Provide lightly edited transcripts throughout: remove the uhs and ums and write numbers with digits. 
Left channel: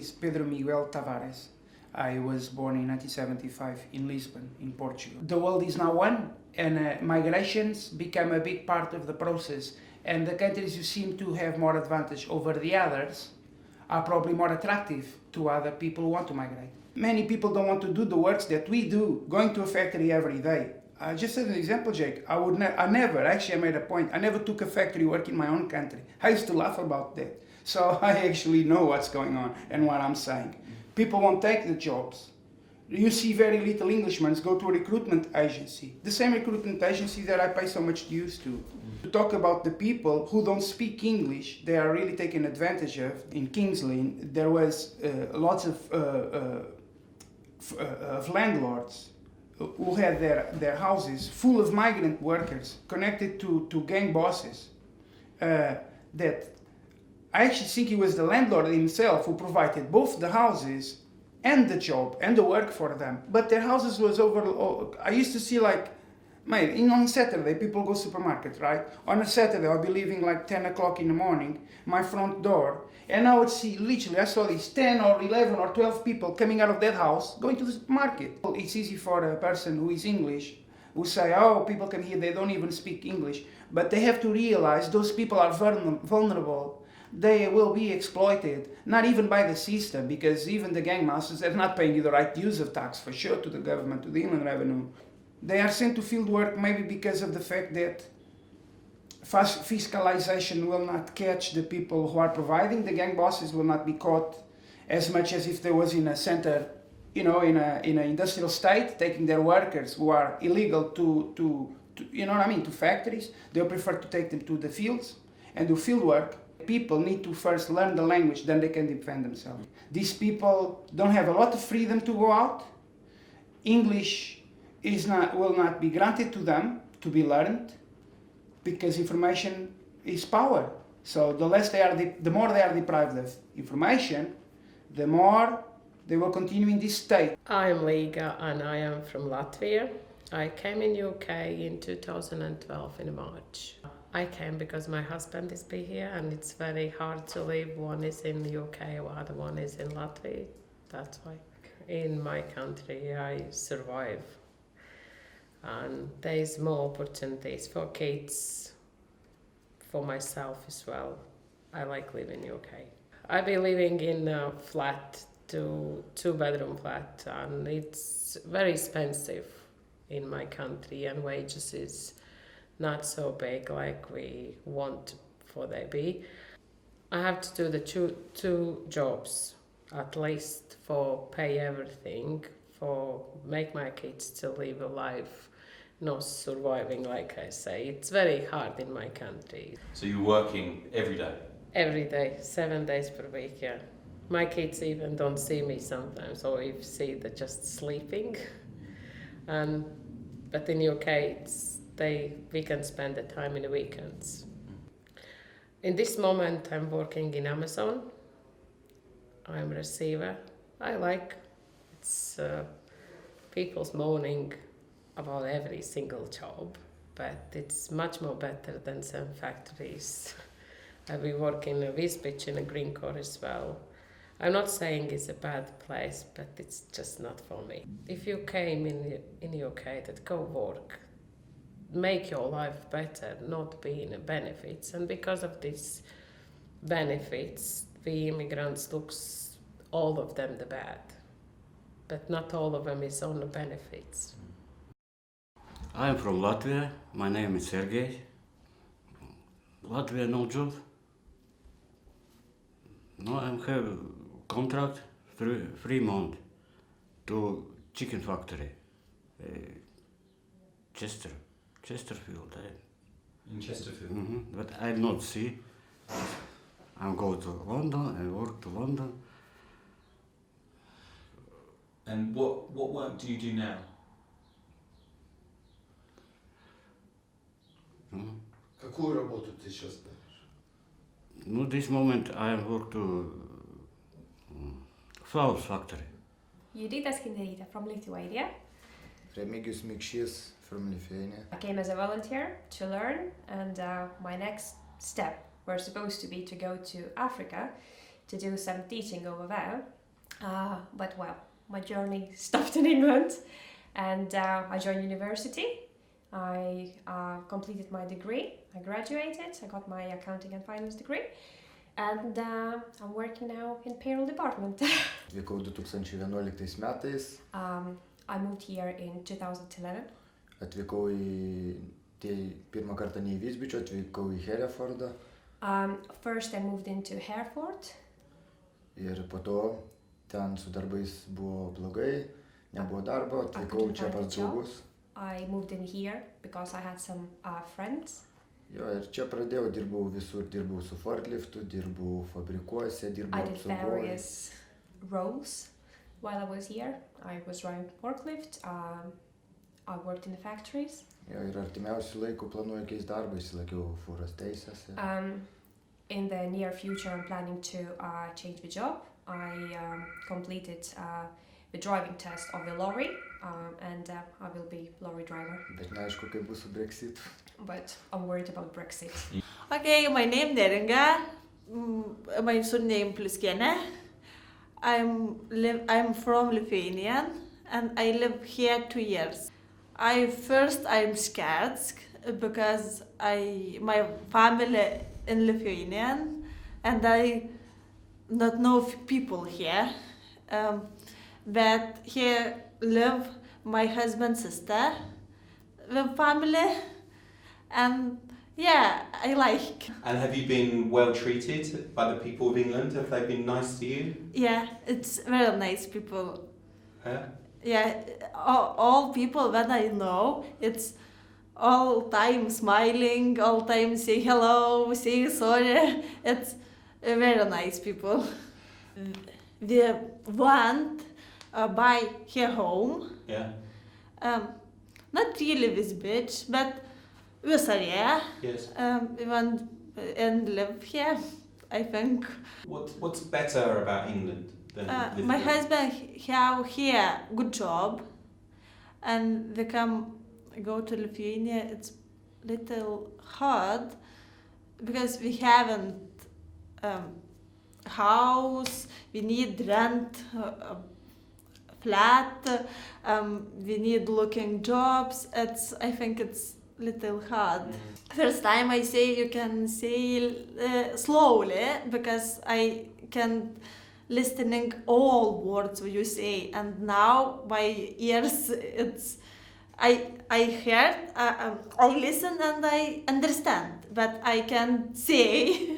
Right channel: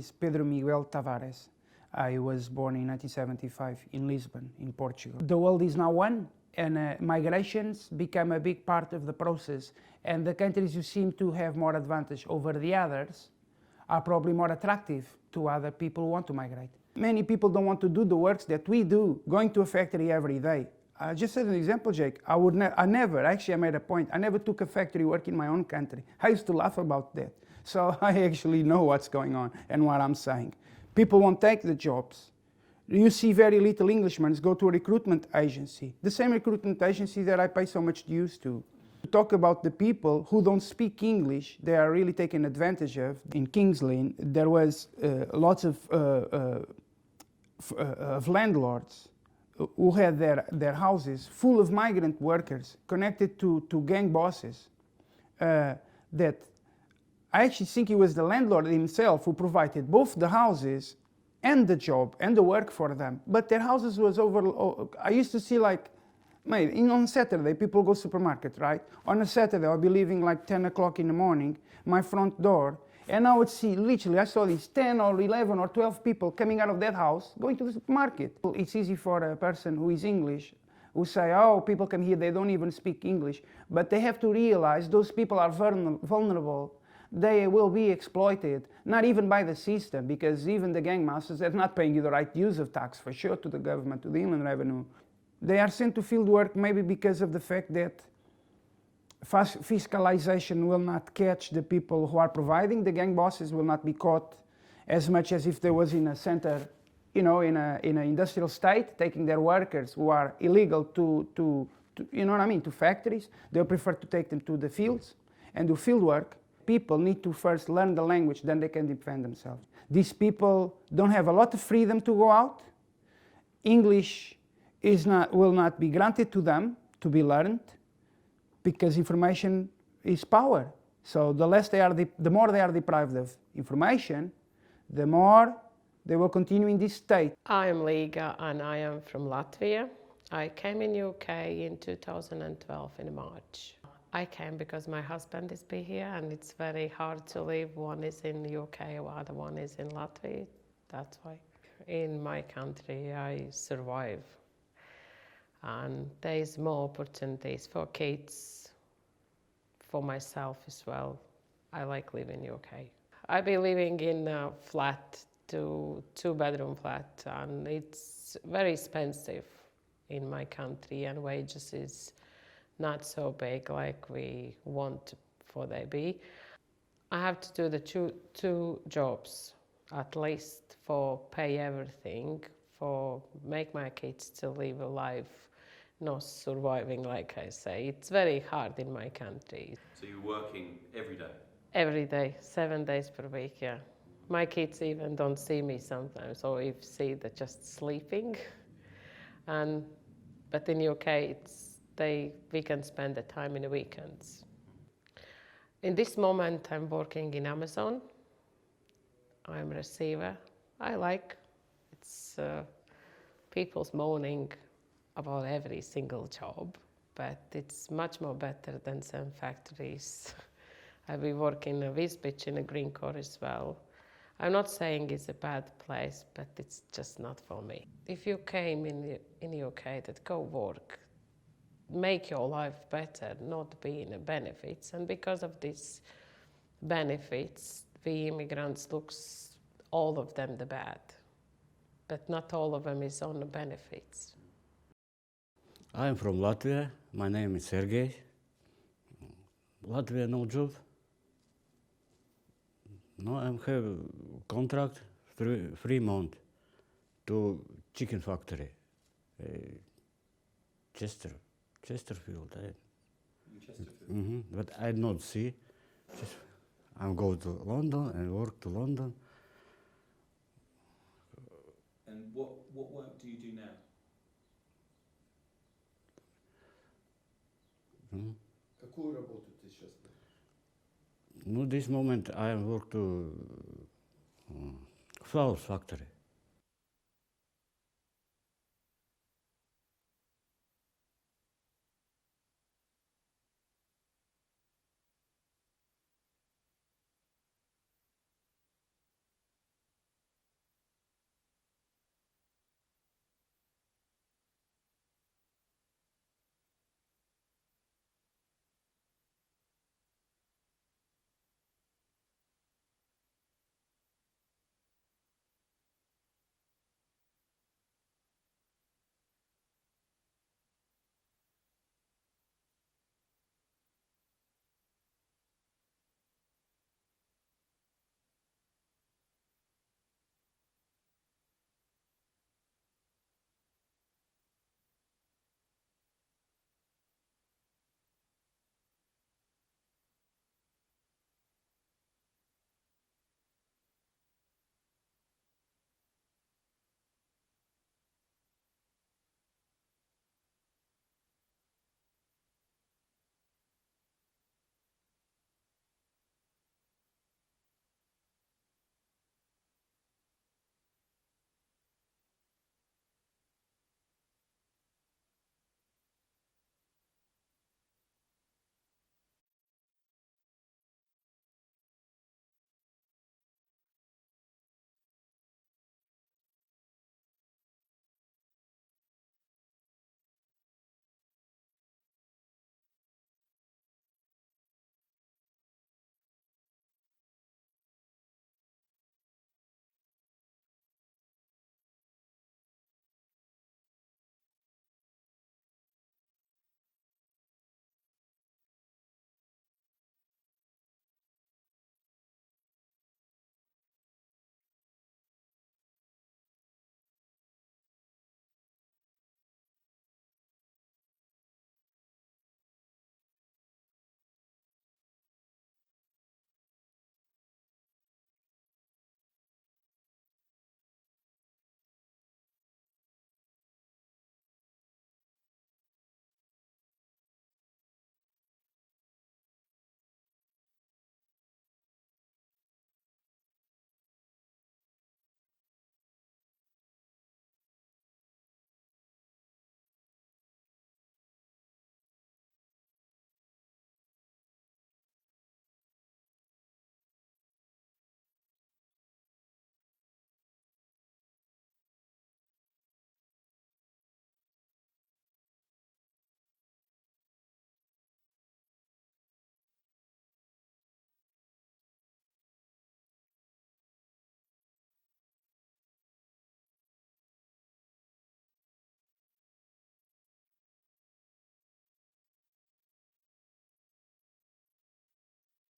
is Pedro Miguel Tavares. I was born in 1975 in Lisbon, in Portugal. The world is now one, and migrations become a big part of the process, and the countries who seem to have more advantage over the others are probably more attractive to other people who want to migrate. Many people don't want to do the works that we do, going to a factory every day. I just said an example, Jake. I made a point, I never took a factory work in my own country. I used to laugh about that. So I actually know what's going on and what I'm saying. People won't take the jobs. You see very little Englishmen go to a recruitment agency, the same recruitment agency that I pay so much dues to. To talk about the people who don't speak English, they are really taken advantage of. In King's Lynn, there was lots of landlords who had their houses full of migrant workers connected to gang bosses. That I actually think it was the landlord himself who provided both the houses and the job and the work for them. But their houses was I used to see mate, on Saturday people go supermarket, right? On a Saturday I'll be leaving 10 o'clock in the morning, my front door, and I would see, literally, I saw these 10 or 11 or 12 people coming out of that house going to the supermarket. It's easy for a person who is English, who say, oh, people come here, they don't even speak English. But they have to realize those people are vulnerable. They will be exploited, not even by the system, because even the gang masters are not paying you the right use of tax, for sure, to the government, to the Inland Revenue. They are sent to field work maybe because of the fact that fiscalization will not catch the people who are providing. The gang bosses will not be caught as much as if there was in a center, in an industrial state, taking their workers who are illegal to factories. They'll prefer to take them to the fields and do field work. People need to first learn the language, then they can defend themselves. These people don't have a lot of freedom to go out. English will not be granted to them to be learned, because information is power. So the more they are deprived of information, the more they will continue in this state. I'm Liga and I am from Latvia. I came in UK in 2012 in March. I came because my husband is here and it's very hard to live. One is in the UK, other one is in Latvia. That's why. In my country I survive. And there is more opportunities for kids, for myself as well. I like living in UK. I've been living in a flat, two-bedroom flat, and it's very expensive in my country, and wages is not so big like we want for they be. I have to do the two jobs at least for pay everything, for make my kids to live a life, not surviving, like I say. It's very hard in my country. So you're working every day? Every day, 7 days per week, yeah. My kids even don't see me sometimes, or if see, they're just sleeping. But in UK, we can spend the time in the weekends. In this moment, I'm working in Amazon. I'm a receiver. I like it's people's moaning about every single job, but it's much more better than some factories. I've been working in Wisbech in a green core as well. I'm not saying it's a bad place, but it's just not for me. If you came in UK, that go work, make your life better, not be in the benefits. And because of these benefits, we immigrants looks all of them the bad, but not all of them is on the benefits. I'm from Latvia. My name is Sergey. Latvia no job. No, I have contract 3 months to chicken factory, Chesterfield. In Chesterfield? Mm-hmm. But I not see. I go to London and work to London. And what work do you do now? Какую работу ты сейчас делаешь? No, this moment I work to flour factory. Judita Skinderita from Lithuania. Remigius Mikšys from Lithuania. I came as a volunteer to learn, and my next step was supposed to be to go to Africa to do some teaching over there. But well, my journey stopped in England, and I joined university. I completed my degree. I graduated. I got my accounting and finance degree, and I'm working now in payroll department. Atvykau 2011 metais, I moved here in 2011. atvykau pirmą kartą ne į Visbičio, atvykau į Herefordą First I moved into Hereford. ir po to ten su darbais buvo blogai, nebuvo darbo, atvykau couldn't čia find a pas job. draugus. I moved in here because I had some friends. Jo, ir čia pradėjau, dirbau visur, dirbau su forkliftu, dirbau fabrikuose, I dirbau did apsaugoje. various roles while I was here. I was driving forklift. I worked in the factories. Jo, ir artimiausių laikų planuoju keisti darbą, įsilaikiau fūros teisės. In the near future, I'm planning to change the job. I completed the driving test of the lorry, and I will be lorry driver. Bet neaišku, kaip bus su Brexitu. But I'm worried about Brexit. Okay, my name Neringa. My surname Pliskiene. I'm from Lithuania and I live here 2 years. I'm scared because my family in Lithuania and I not know people here. But here live my husband's sister, the family, and yeah, I like. And have you been well treated by the people of England? Have they been nice to you? Yeah, it's very nice people. Yeah? Yeah, all people that I know, it's all time smiling, all time say hello, say sorry. It's very nice people. We want buy her home. Yeah? Not really this bitch, but this area. Yes. We want and live here, I think. What's better about England than living My here? husband have here good job, and they go to Lithuania. It's little hard because we haven't house. We need rent a flat. We need looking jobs. I think it's little hard. First time I say you can say slowly because I can listening all words you say, and now my ears I heard I listen and I understand, but I can say.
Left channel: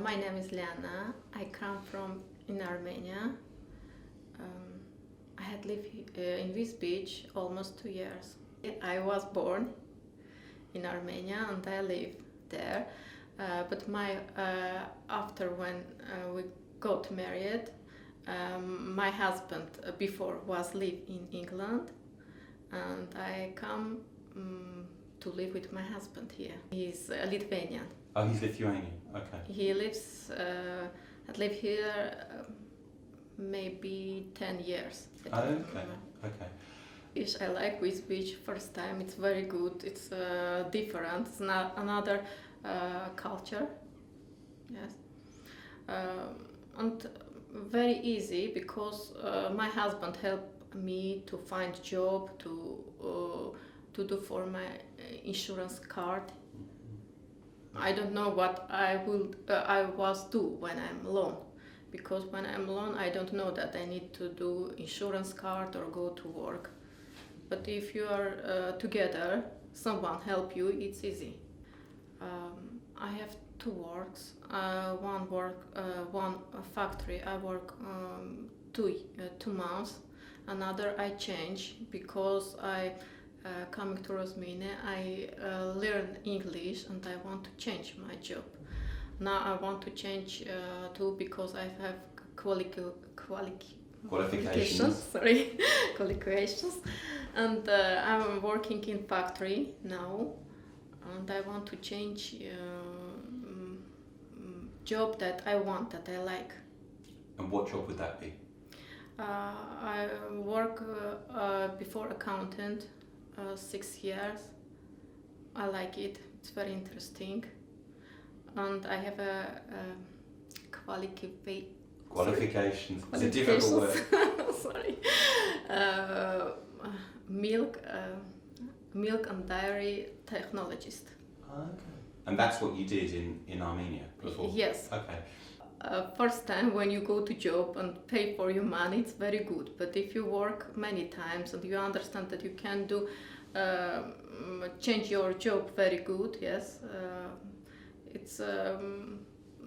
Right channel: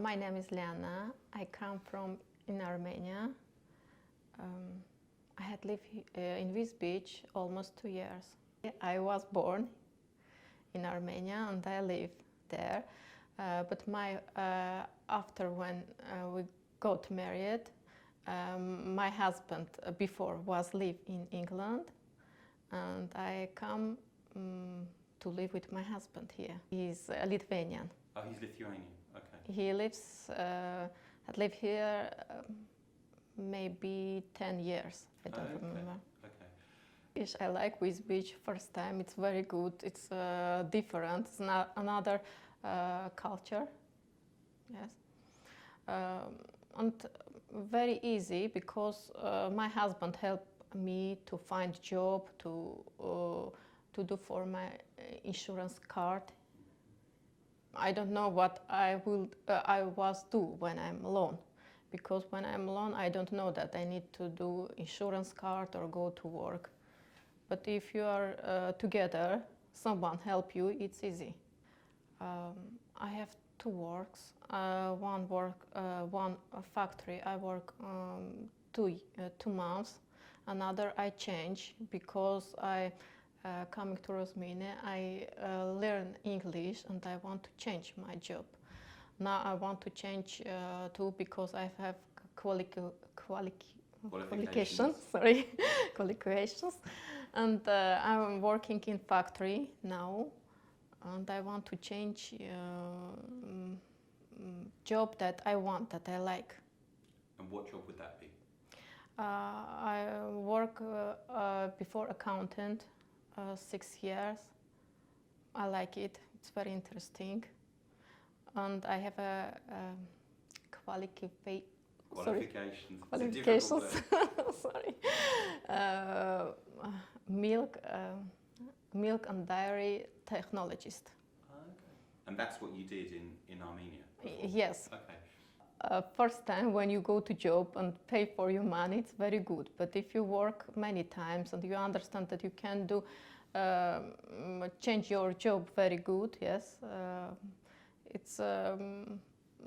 My name is Lena. I come from in Armenia. I had lived in this beach almost 2 years. I was born in Armenia and I live there. But after when we got married, my husband before was live in England, and I come to live with my husband here. He's Lithuanian. Oh, he's Lithuanian. Okay. He had lived here maybe 10 years. I don't remember. Okay. Fish I like with beach first time. It's very good. It's different. It's not another culture. Yes. And very easy because my husband helped me to find job to do for my insurance card. I don't know what I was do when I'm alone, because when I'm alone I don't know that I need to do insurance card or go to work. But if you are together, someone help you, it's easy. I have 2 works. One factory I work 2 months. Another I change because I coming to Rosmini. I learn English and I want to change my job. Now I want to change too because I have qualifications. Sorry, qualifications. And I'm working in factory now, and I want to change job that I want, that I like. And what job would that be? I work before accountant 6 years. I like it. It's very interesting, and I have a Qualifications. It's a difficult word. Sorry. Milk and dairy technologist. Okay. And that's what you did in Armenia before? Yes. Okay. First time when you go to job and pay for your money, it's very good. But if you work many times and you understand that you can do change your job very good, yes, it's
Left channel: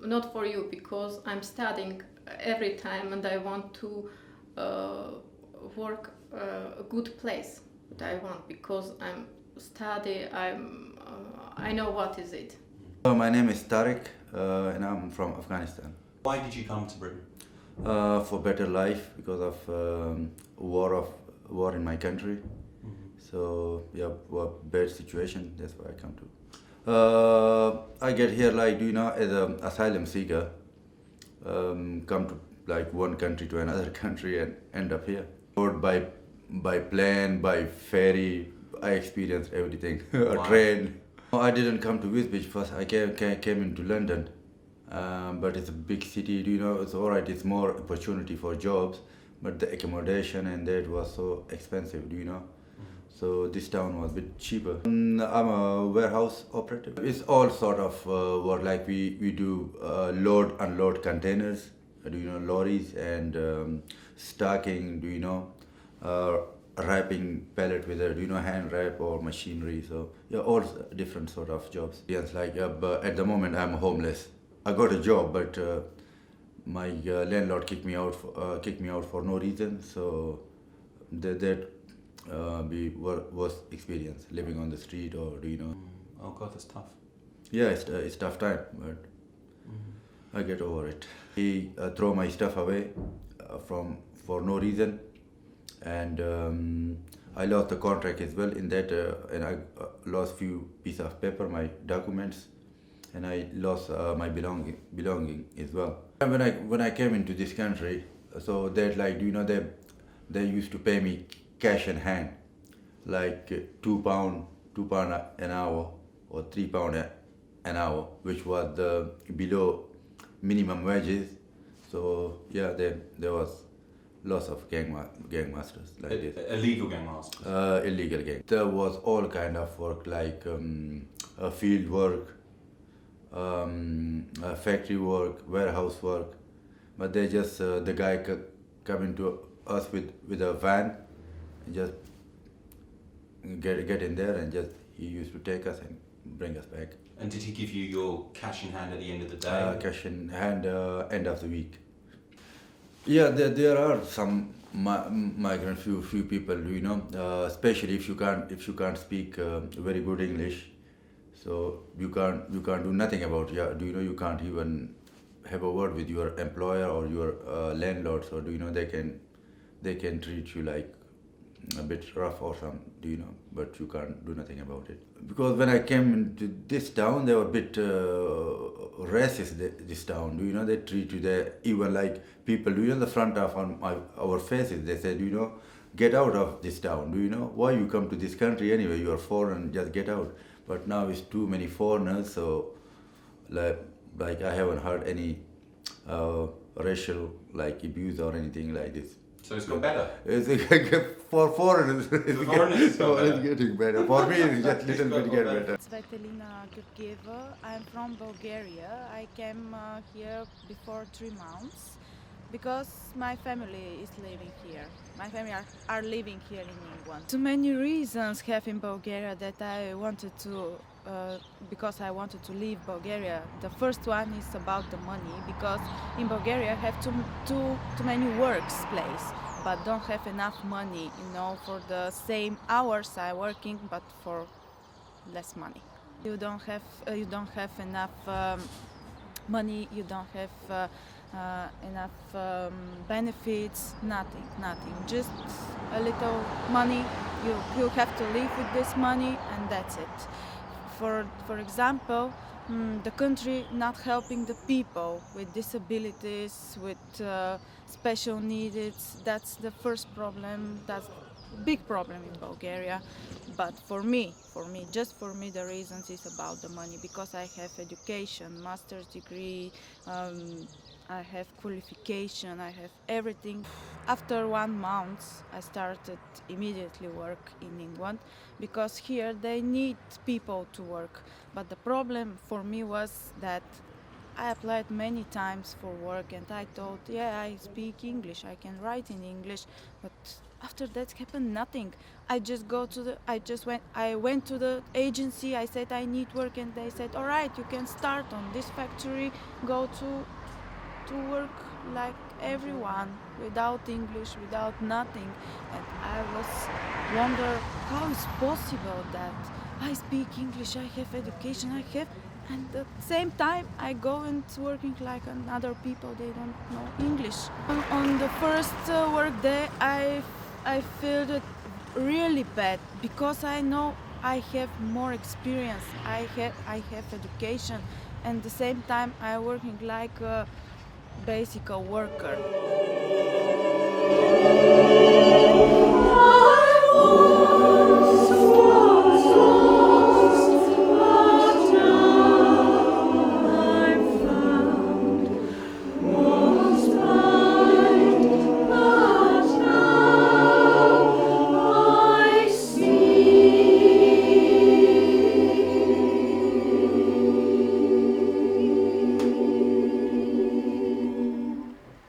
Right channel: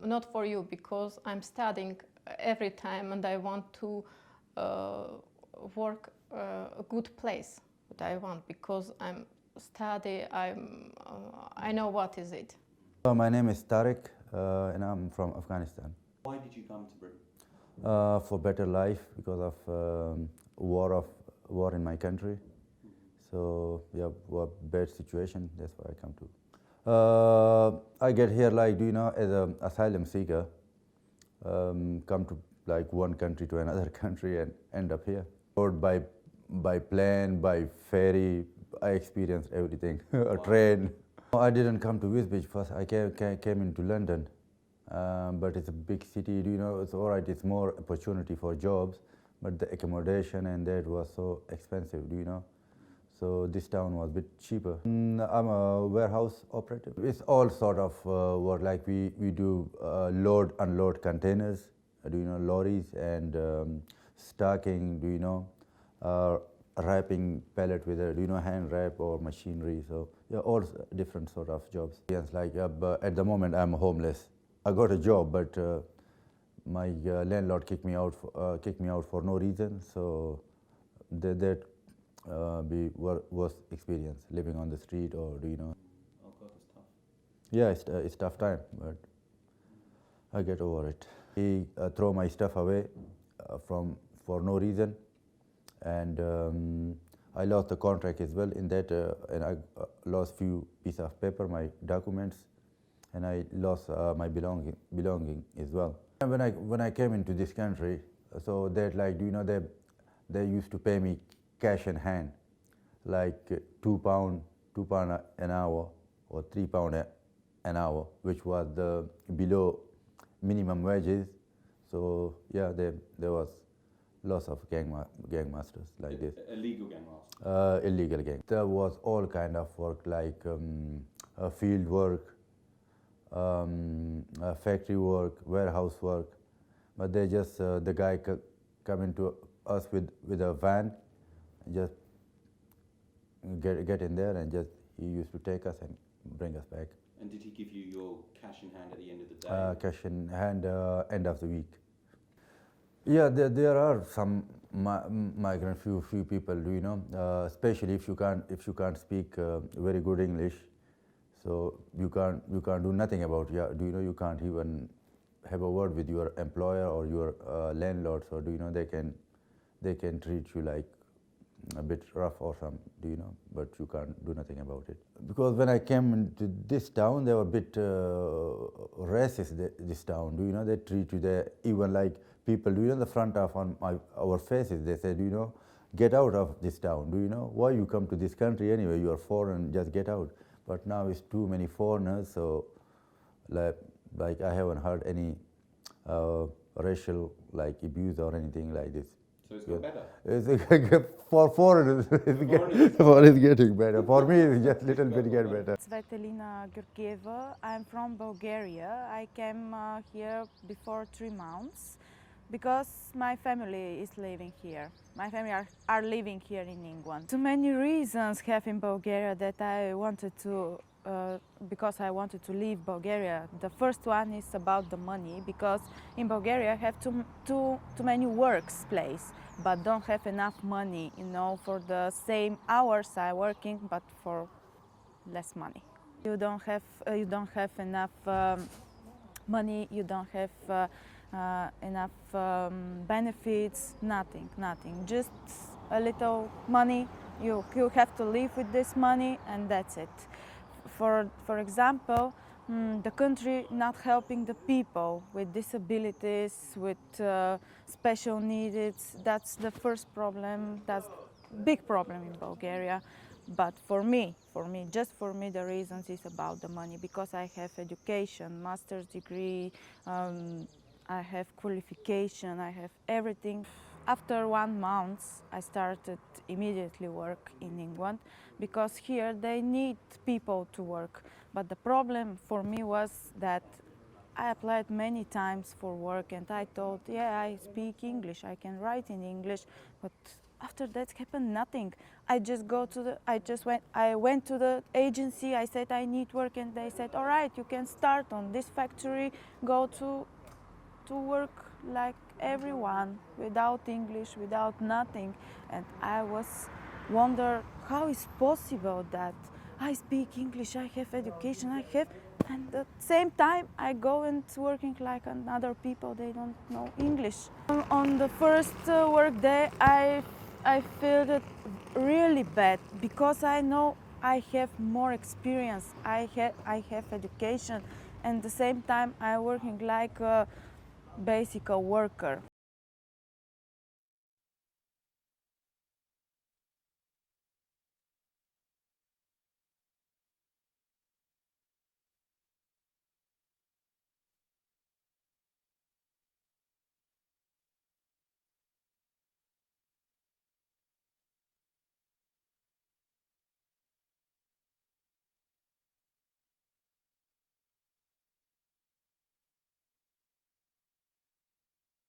not for you, because I'm studying every time and I want to work a good place. What I want, because I'm study, I know what is it. My name is Tariq and I'm from Afghanistan. Why did you come to Britain? For better life, because of war in my country. So yeah, bad situation. That's why I come to. I get here like as an asylum seeker. Come to like one country to another country and end up here. Or by plane, by ferry. I experienced everything. A train. I didn't come to Wisbech first. I came into London. But it's a big city, it's alright, it's more opportunity for jobs, but the accommodation and that was so expensive, So this town was a bit cheaper. I'm a warehouse operative. It's all sort of work, like we do load, unload containers, lorries, and stacking, wrapping pallet with a, hand wrap or machinery. So yeah, all different sort of jobs. Yes, but at the moment I'm homeless. I got a job, but my landlord kicked me out for no reason. So that worst experience, living on the street, or Oh God, that's tough. Yeah, it's tough time, but I get over it. He throw my stuff away for no reason, and I lost the contract as well in that, and I lost few pieces of paper, my documents. And I lost my belonging as well. When I came into this country, so that they used to pay me cash in hand, like £2 an hour or £3 an hour, which was below minimum wages. So yeah, there was lots of gangmasters like this. Illegal gangmasters. Illegal gang. There was all kind of work, like field work. Factory work, warehouse work, but they just the guy come into us with a van, and just get in there, and just he used to take us and bring us back. And did he give you your cash in hand at the end of the day? Cash in hand end of the week. Yeah, there are some migrant few people, especially if you can't speak very good English. So you can't do nothing about it. You can't even have a word with your employer or your landlord. So they can treat you like a bit rough or something, but you can't do nothing about it. Because when I came into this town, they were a bit racist. This town, they treat you even like people. The front of our faces. They said, get out of this town. Why you come to this country anyway? You are foreign. Just get out. But now it's too many foreigners, so like I haven't heard any racial abuse or anything like this. So it's got better. For foreigners, it's getting better. For me, it's just little bit get better. Svetlana Georgieva. I'm from Bulgaria. I came here before 3 months because my family is living here. My family are living here in England. Too many reasons have in Bulgaria that I wanted to, because I wanted to leave Bulgaria. The first one is about the money, because in Bulgaria I have too many workplaces, but don't have enough money, for the same hours I working, but for less money. You don't have enough money. You don't have enough benefits, nothing, just a little money. You have to live with this money, and that's it. For example, the country not helping the people with disabilities, with special needs. That's the first problem. That's big problem in Bulgaria. But for me, the reasons is about the money, because I have education, master's degree, I have qualification, I have everything. After 1 month, I started immediately work in England because here they need people to work. But the problem for me was that I applied many times for work and I thought, yeah, I speak English, I can write in English, but after that happened nothing. I went to the agency, I said I need work and they said, all right, you can start on this factory, go to work like everyone, without English, without nothing. And I was wonder how is possible that I speak English, I have education, and at the same time I go and working like other people, they don't know English. On the first work day, I felt it really bad because I know I have more experience, I have education, and at the same time I working like a basic worker.